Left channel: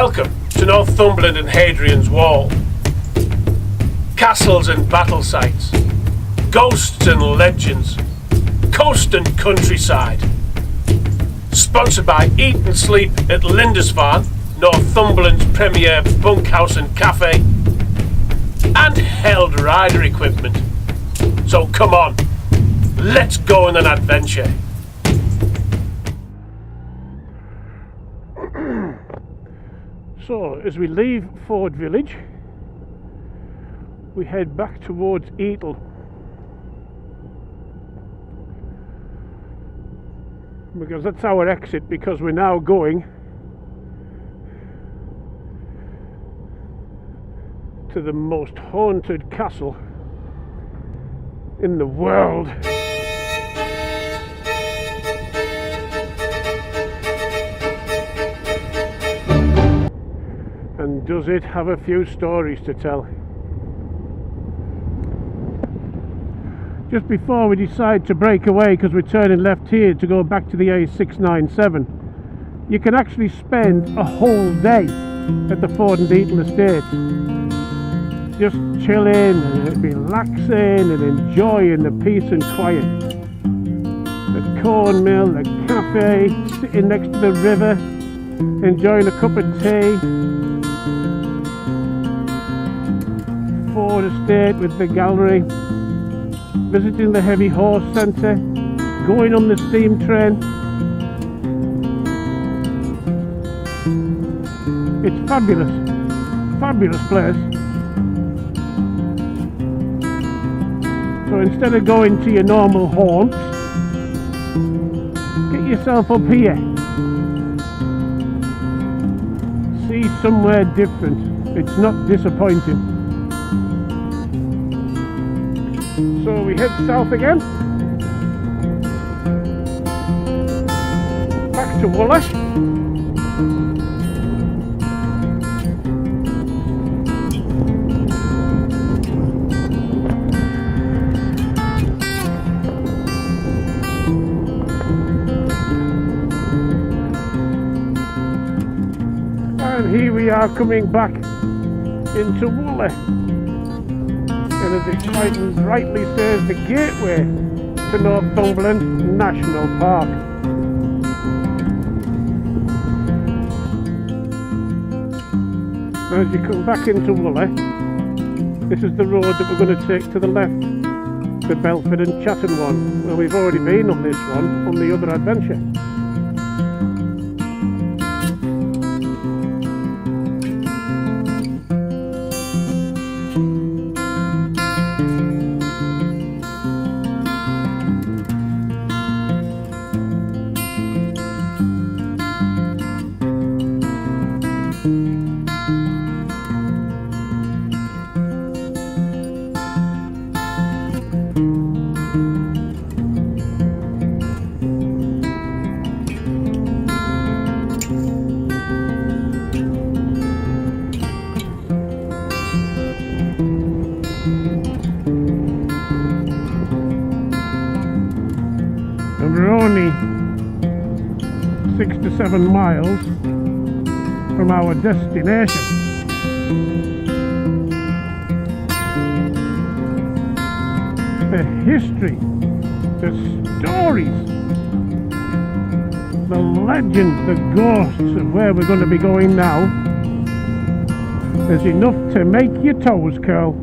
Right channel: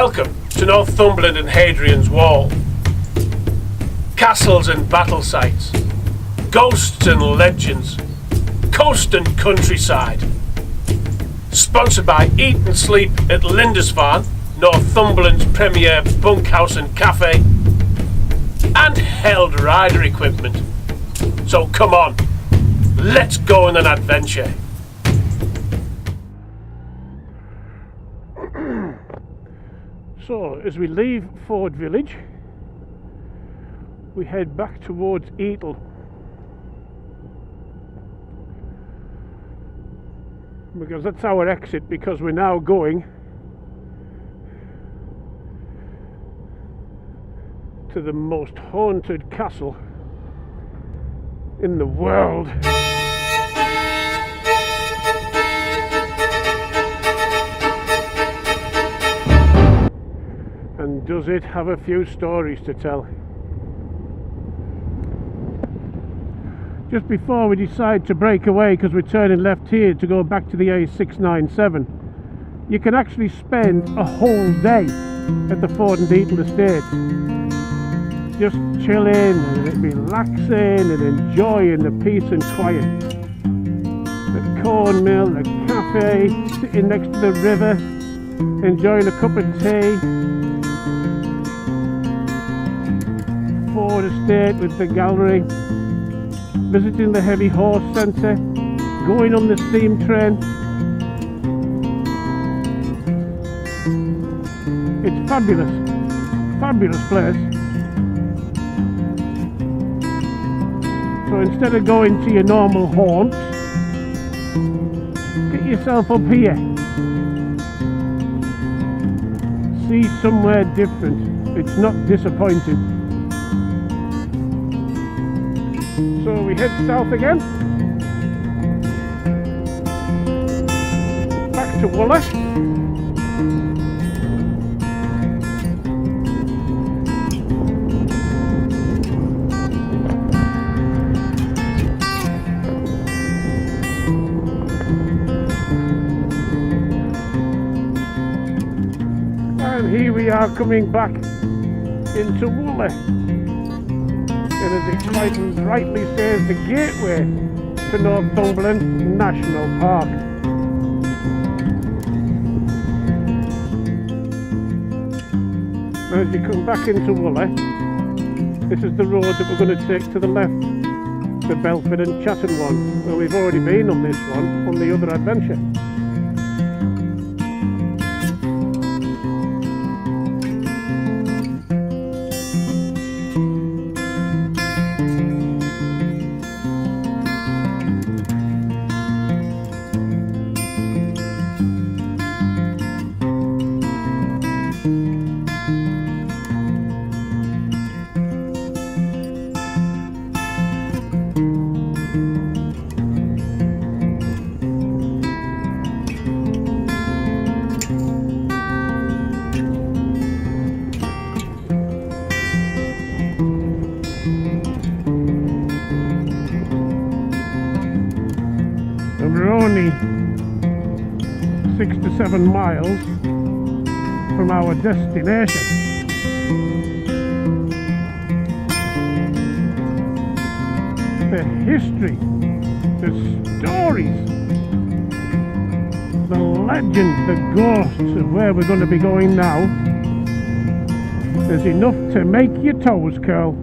Welcome to Northumberland and Hadrian's Wall. Castles and battle sites, ghosts and legends, coast and countryside. Sponsored by Eat and Sleep at Lindisfarne, Northumberland's premier bunkhouse and cafe, and held rider equipment. So come on, let's go on an adventure. So, as we leave Ford Village, we head back towards Eatle. Because that's our exit, because we're now going to the most haunted castle in the world. And does it have a few stories to tell? Just before we decide to break away, because we're turning left here to go back to the A697, you can actually spend a whole day at the Ford and Eatle Estates, just chilling and relaxing and enjoying the peace and quiet. The corn mill, the cafe, sitting next to the river, enjoying a cup of tea. Ford Estate with the gallery, visiting the heavy horse centre, going on the steam train. It's fabulous, fabulous place. So instead of going to your normal haunts, get yourself up here. See somewhere different. It's not disappointing. So we head south again, back to Wooler. And here we are coming back into Wooler. And as it quite rightly says, the gateway to Northumberland National Park. Now as you come back into Wooler, this is the road that we're going to take to the left, the Belford and Chatton one. Well, we've already been on this one on the other adventure. And we're only 6 to 7 miles from our destination. The history, the stories, the legends, the ghosts of where we're going to be going now is enough to make your toes curl.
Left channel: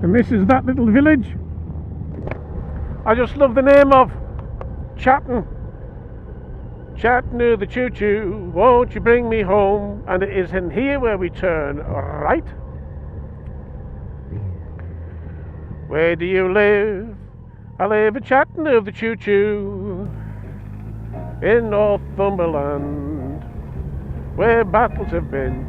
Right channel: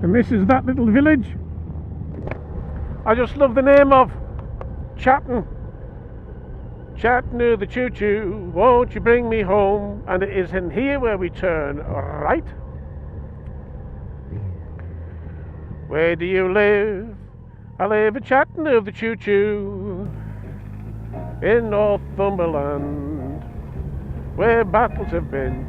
And this is that little village. I just love the name of Chatton. Chatton of the choo-choo, won't you bring me home? And it is in here where we turn right. Where do you live? I live at Chatton of the choo-choo, in Northumberland, where battles have been.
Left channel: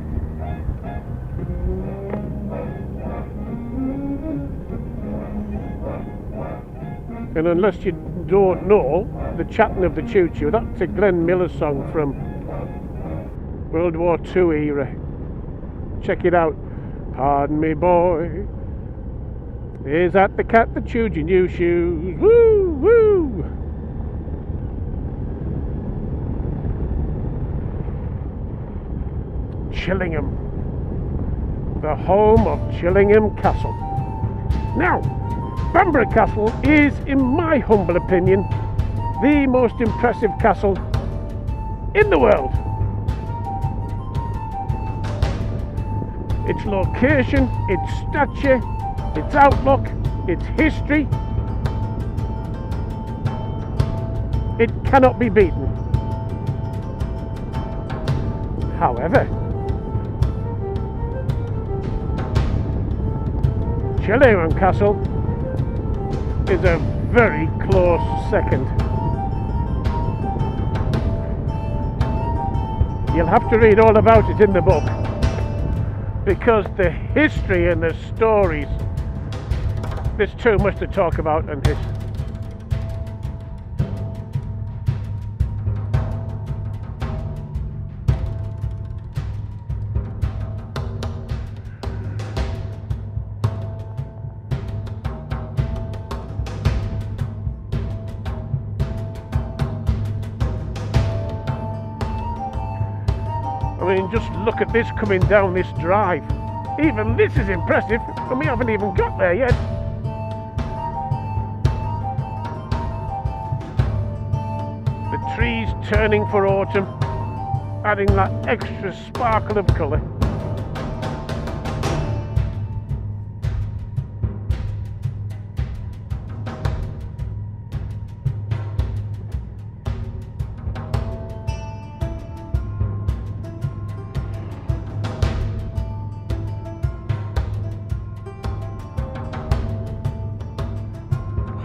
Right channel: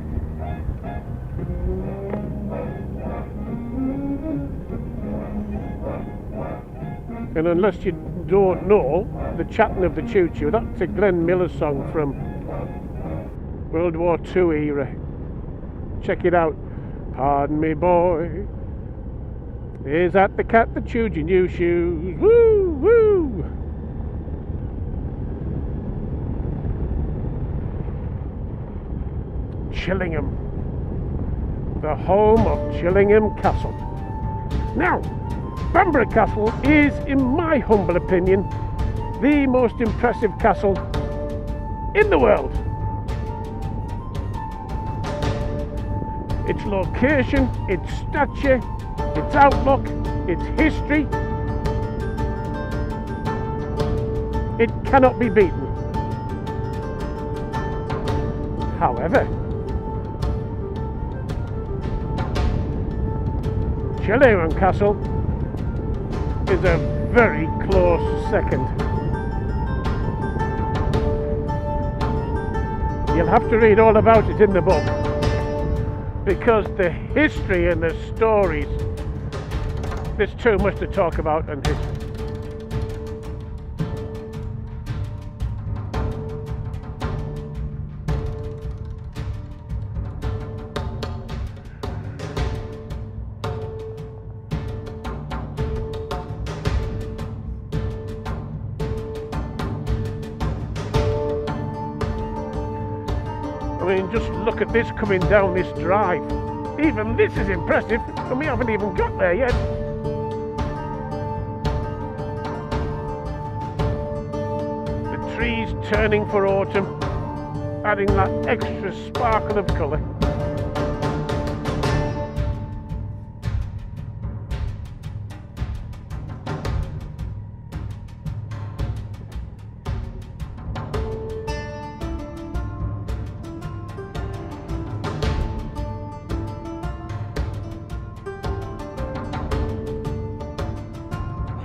And unless you don't know, the Chatton of the choo-choo, that's a Glen Miller song from World War II era. Check it out. Pardon me, boy, is that the cat that chewed your new shoes? Woo, woo! Chillingham, the home of Chillingham Castle. Now, Bamburgh Castle is, in my humble opinion, the most impressive castle in the world. Its location, its stature, its outlook, its history, it cannot be beaten. However, Chillingham Castle is a very close second. You'll have to read all about it in the book, because the history and the stories, there's too much to talk about on this. I mean, just look at this coming down this drive. Even this is impressive, and we haven't even got there yet. The trees turning for autumn, adding that extra sparkle of colour.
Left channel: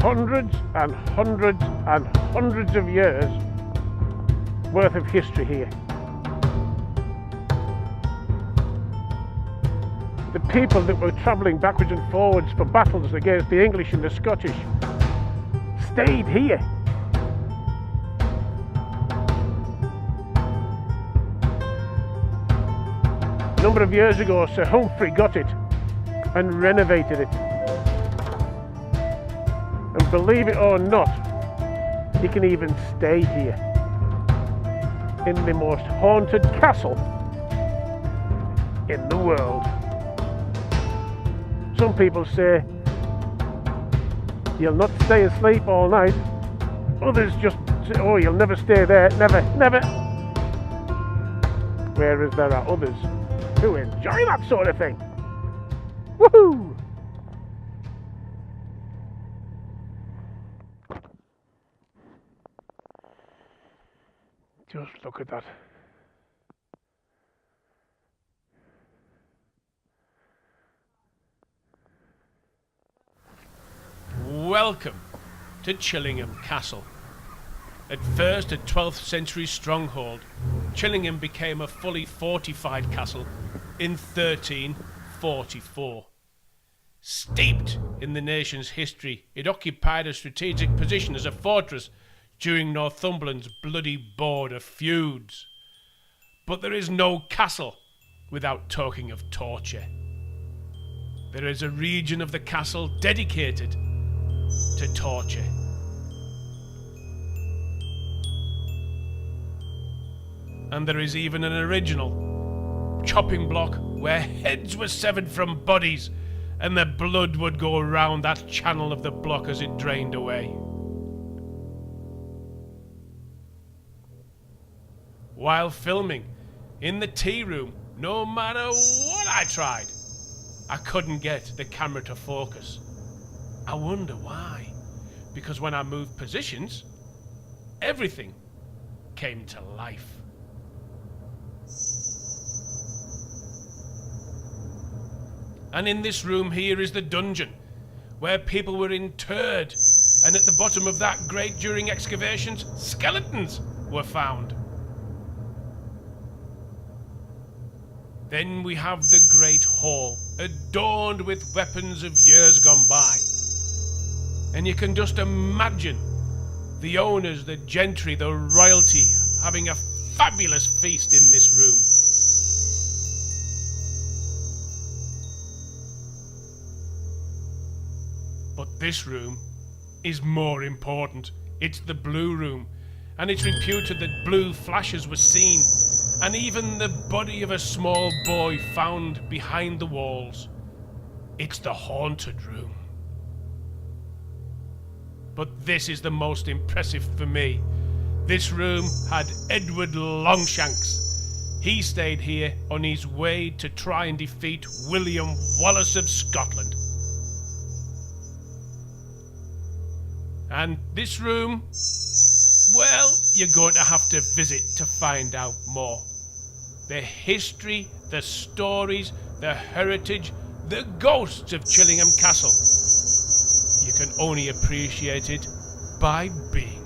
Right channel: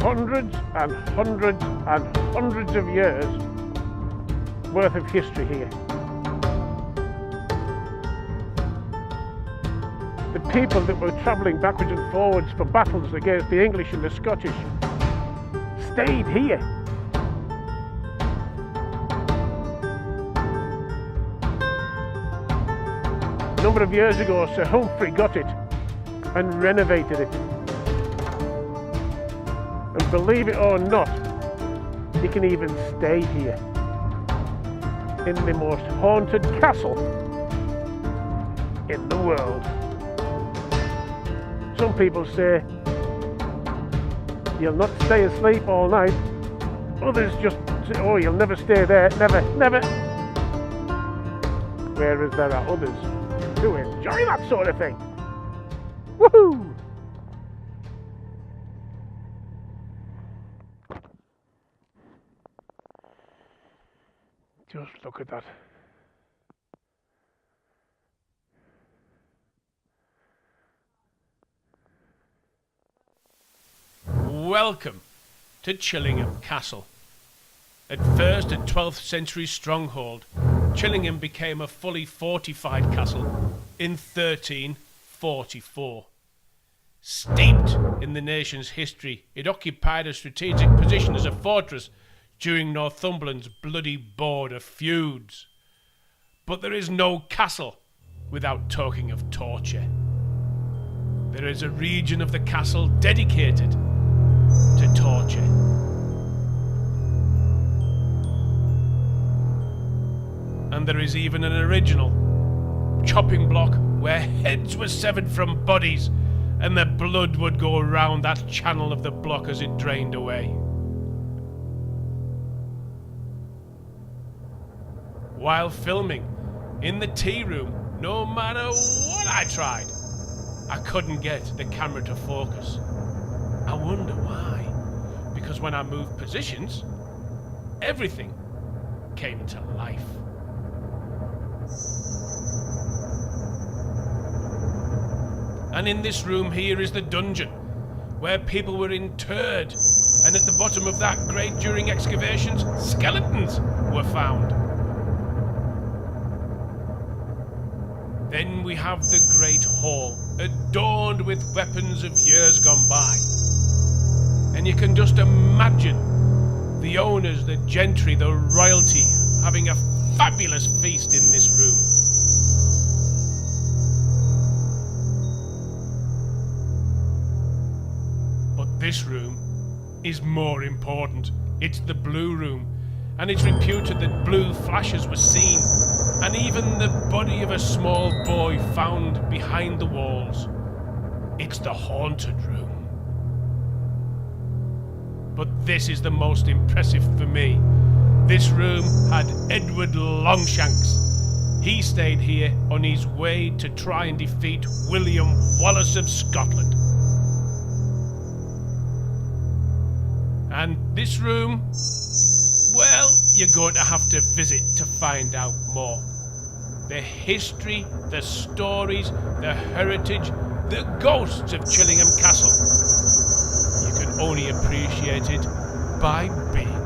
Hundreds and hundreds and hundreds of years worth of history here. The people that were travelling backwards and forwards for battles against the English and the Scottish stayed here. A number of years ago, Sir Humphrey got it and renovated it. And believe it or not, you can even stay here in the most haunted castle in the world. Some people say you'll not stay asleep all night. Others just say, oh, you'll never stay there, never, never. Whereas there are others who enjoy that sort of thing. Woohoo! Just look at that. Welcome to Chillingham Castle. At first a 12th century stronghold, Chillingham became a fully fortified castle in 1344. Steeped in the nation's history, it occupied a strategic position as a fortress during Northumberland's bloody border feuds. But there is no castle without talking of torture. There is a region of the castle dedicated to torture. And there is even an original chopping block where heads were severed from bodies and the blood would go around that channel of the block as it drained away. While filming in the tea room, no matter what I tried, I couldn't get the camera to focus. I wonder why. Because when I moved positions, everything came to life. And in this room here is the dungeon, where people were interred, and at the bottom of that grate during excavations, skeletons were found. Then we have the Great Hall, adorned with weapons of years gone by. And you can just imagine the owners, the gentry, the royalty having a fabulous feast in this room. But this room is more important. It's the Blue Room, and it's reputed that blue flashes were seen, and even the body of a small boy found behind the walls. It's the haunted room. But this is the most impressive for me. This room had Edward Longshanks. He stayed here on his way to try and defeat William Wallace of Scotland. And this room, well, you're going to have to visit to find out more. The history, the stories, the heritage, the ghosts of Chillingham Castle. You can only appreciate it by being